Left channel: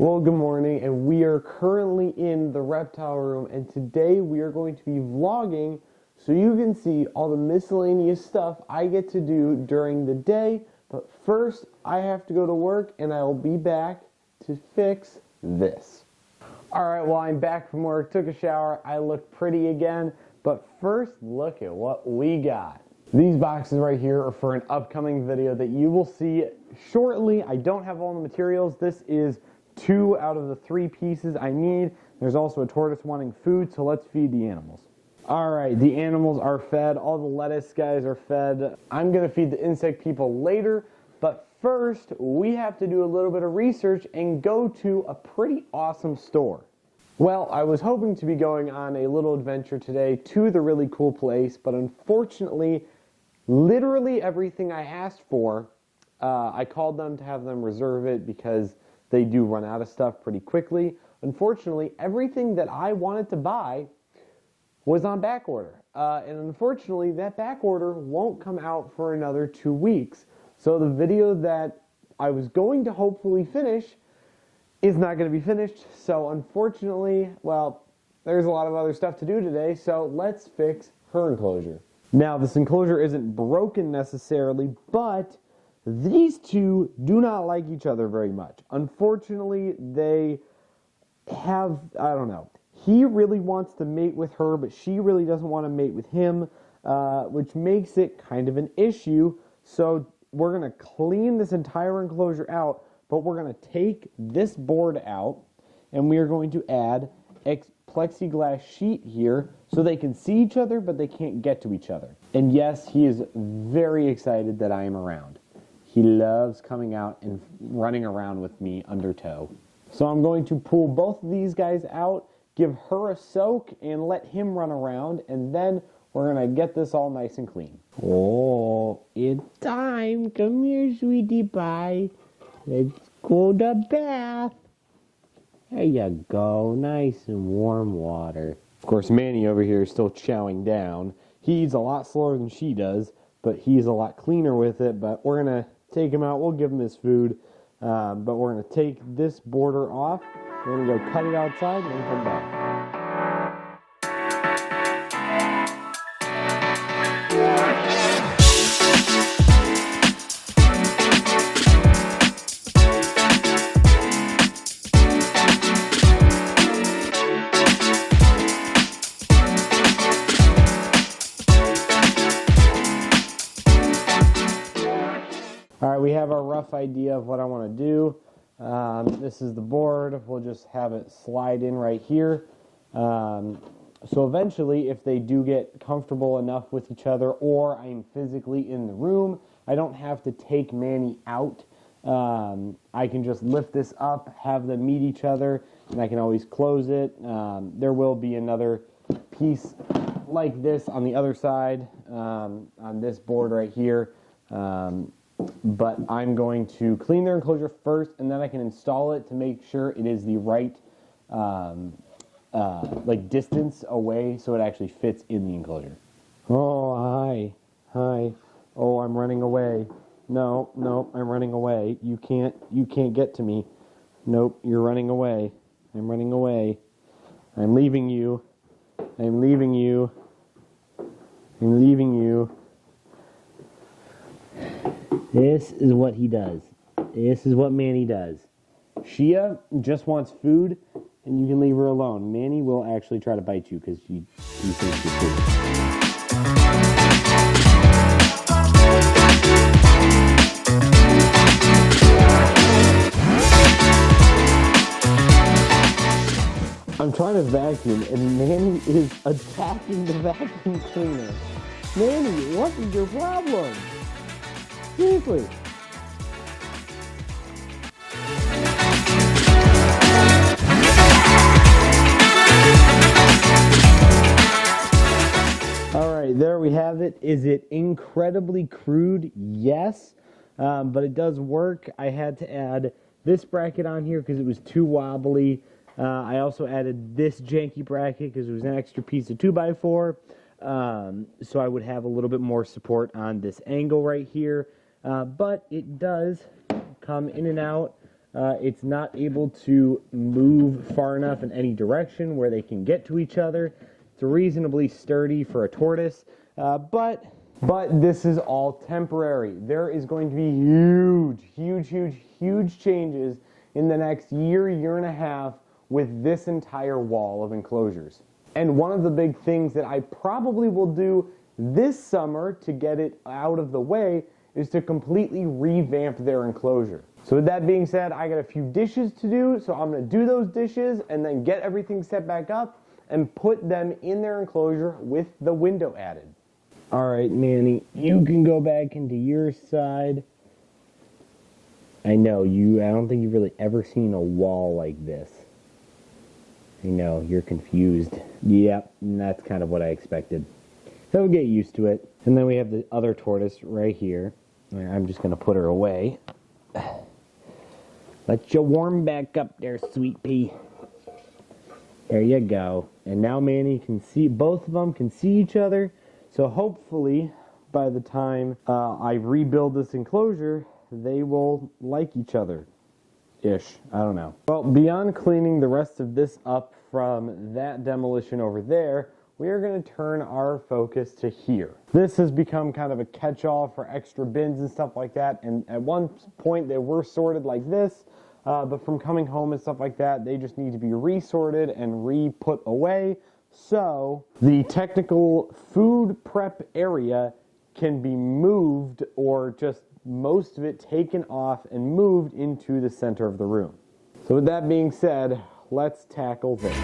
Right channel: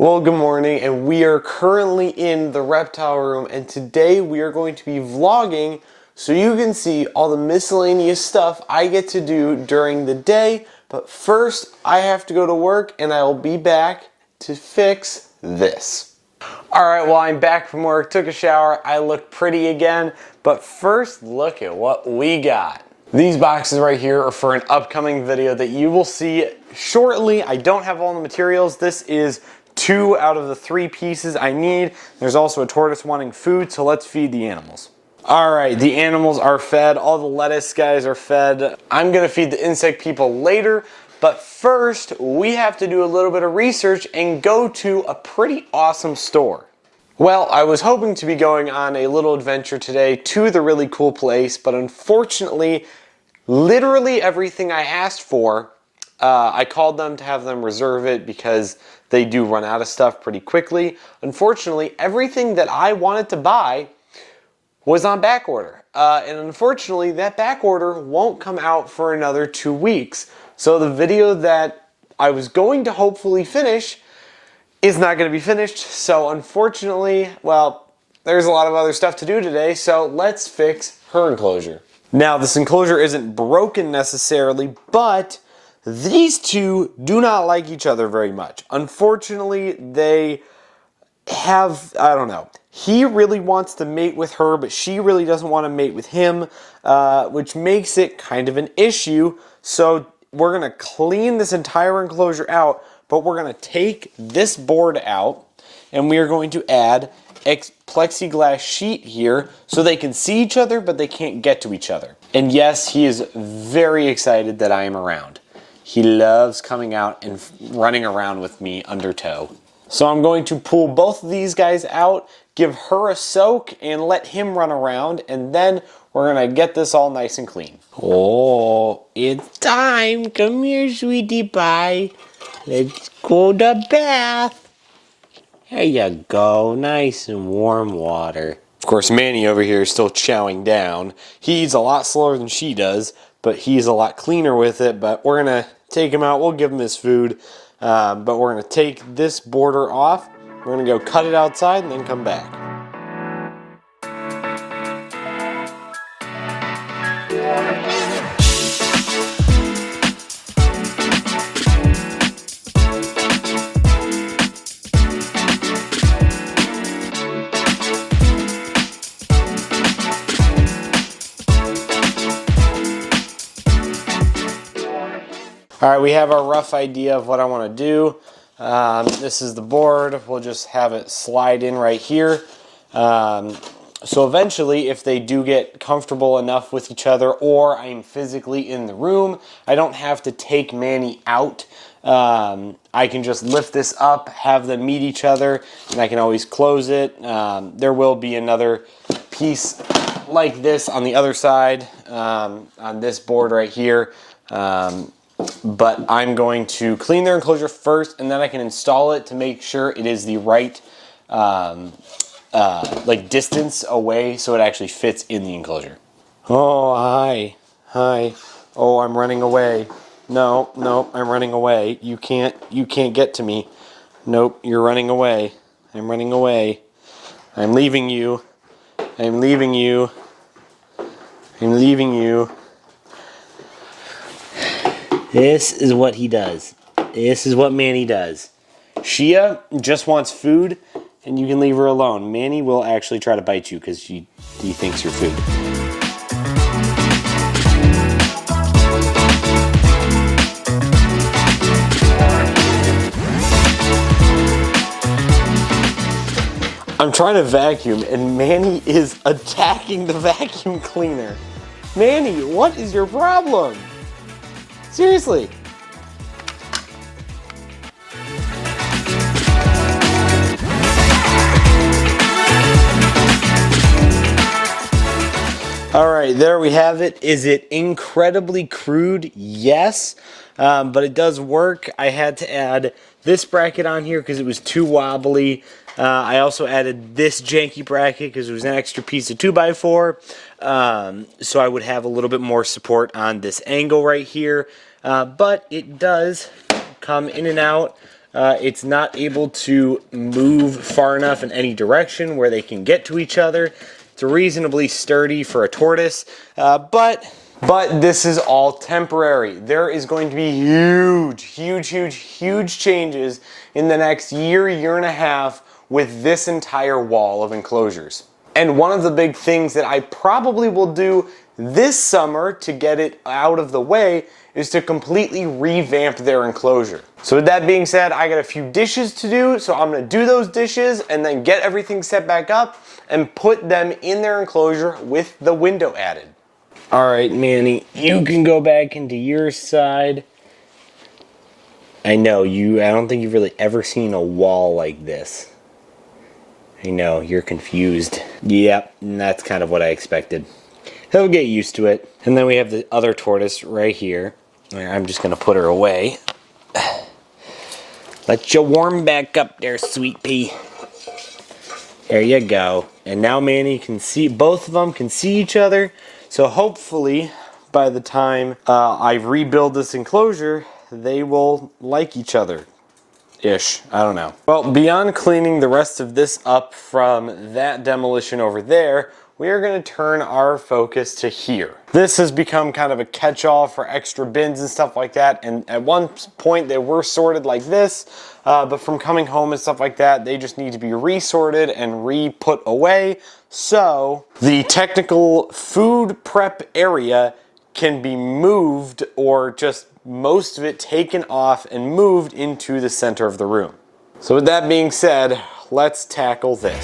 Well, good morning, and we are currently in the reptile room, and today we are going to be vlogging so you can see all the miscellaneous stuff I get to do during the day. But first, I have to go to work, and I will be back to fix this. Alright, well, I'm back from work, took a shower, I look pretty again, but first, look at what we got. These boxes right here are for an upcoming video that you will see shortly. I don't have all the materials. This is 2 out of the 3 pieces I need. There's also a tortoise wanting food, so let's feed the animals. Alright, the animals are fed. All the lettuce guys are fed. I'm gonna feed the insect people later, but first we have to do a little bit of research and go to a pretty awesome store. Well, I was hoping to be going on a little adventure today to the really cool place, but unfortunately, literally everything I asked for, I called them to have them reserve it because they do run out of stuff pretty quickly. Unfortunately, everything that I wanted to buy was on back order. And unfortunately, that back order won't come out for another 2 weeks. So the video that I was going to hopefully finish is not going to be finished. So unfortunately, well, there's a lot of other stuff to do today. So let's fix her enclosure. Now, this enclosure isn't broken necessarily, but these two do not like each other very much. Unfortunately, they have, I don't know. He really wants to mate with her, but she really doesn't want to mate with him, which makes it kind of an issue. So we're going to clean this entire enclosure out, but we're going to take this board out, and we are going to add a plexiglass sheet here so they can see each other, but they can't get to each other. And yes, he is very excited that I am around. He loves coming out and running around with me under tow. So I'm going to pull both of these guys out, give her a soak, and let him run around, and then we're gonna get this all nice and clean. Oh, it's time. Come here, sweetie pie. Let's go to bath. There you go, nice and warm water. Of course, Manny over here is still chowing down. He's a lot slower than she does, but he's a lot cleaner with it. But we're gonna take him out, we'll give him his food, but we're gonna take this border off. We're gonna go cut it outside and then come back. All right, we have our rough idea of what I want to do. This is the board. We'll just have it slide in right here. So eventually, if they do get comfortable enough with each other, or I'm physically in the room, I don't have to take Manny out. I can just lift this up, have them meet each other, and I can always close it. There will be another piece like this on the other side, on this board right here. But I'm going to clean their enclosure first, and then I can install it to make sure it is the right like distance away so it actually fits in the enclosure. Oh, hi. Oh, I'm running away. No, I'm running away. You can't get to me. Nope, you're running away. I'm running away. I'm leaving you. I'm leaving you. This is what he does. This is what Manny does. Shia just wants food, and you can leave her alone. Manny will actually try to bite you because he thinks you're food. I'm trying to vacuum, and Manny is attacking the vacuum cleaner. Manny, what is your problem? Seriously. All right, there we have it. Is it incredibly crude? Yes, but it does work. I had to add this bracket on here because it was too wobbly. I also added this janky bracket because it was an extra piece of 2x4. So I would have a little bit more support on this angle right here. But it does come in and out It's not able to move far enough in any direction where they can get to each other. It's reasonably sturdy for a tortoise, but this is all temporary. There is going to be huge changes in the next year and a half with this entire wall of enclosures. And one of the big things that I probably will do this summer to get it out of the way is to completely revamp their enclosure. So with that being said, I got a few dishes to do, so I'm gonna do those dishes and then get everything set back up and put them in their enclosure with the window added. All right, Manny, you can go back into your side. I know, I don't think you've really ever seen a wall like this. I know, you're confused. Yep, and that's kind of what I expected. He'll get used to it. And then we have the other tortoise right here. I'm just gonna put her away. Let you warm back up there, sweet pea. There you go. And now Manny can see, both of them can see each other. So hopefully, by the time I rebuild this enclosure, they will like each other. Ish, I don't know. Well, beyond cleaning the rest of this up from that demolition over there, we are going to turn our focus to here. This has become kind of a catch-all for extra bins and stuff like that, and at one point they were sorted like this, but from coming home and stuff like that, they just need to be resorted and re-put away. So the technical food prep area can be moved, or just most of it taken off and moved into the center of the room. So with that being said, let's tackle this.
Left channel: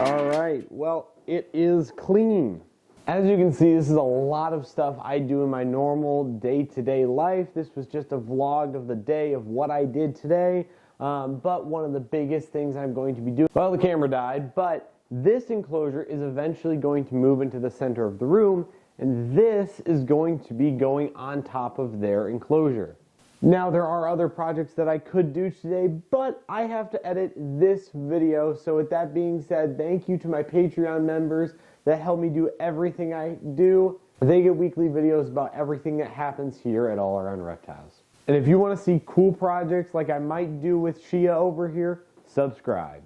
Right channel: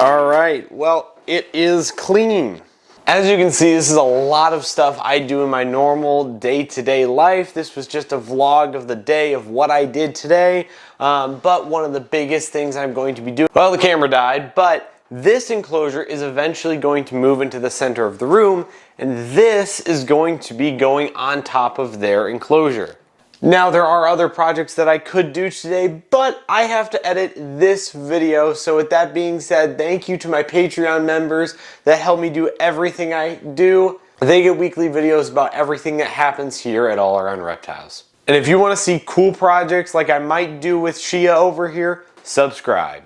All right, well, it is clean. As you can see, this is a lot of stuff I do in my normal day-to-day life. This was just a vlog of the day of what I did today. But one of the biggest things I'm going to be doing, well, the camera died, but this enclosure is eventually going to move into the center of the room, and this is going to be going on top of their enclosure. Now, there are other projects that I could do today, but I have to edit this video. So with that being said, thank you to my Patreon members that help me do everything I do. They get weekly videos about everything that happens here at All Around Reptiles. And if you want to see cool projects like I might do with Shia over here, subscribe.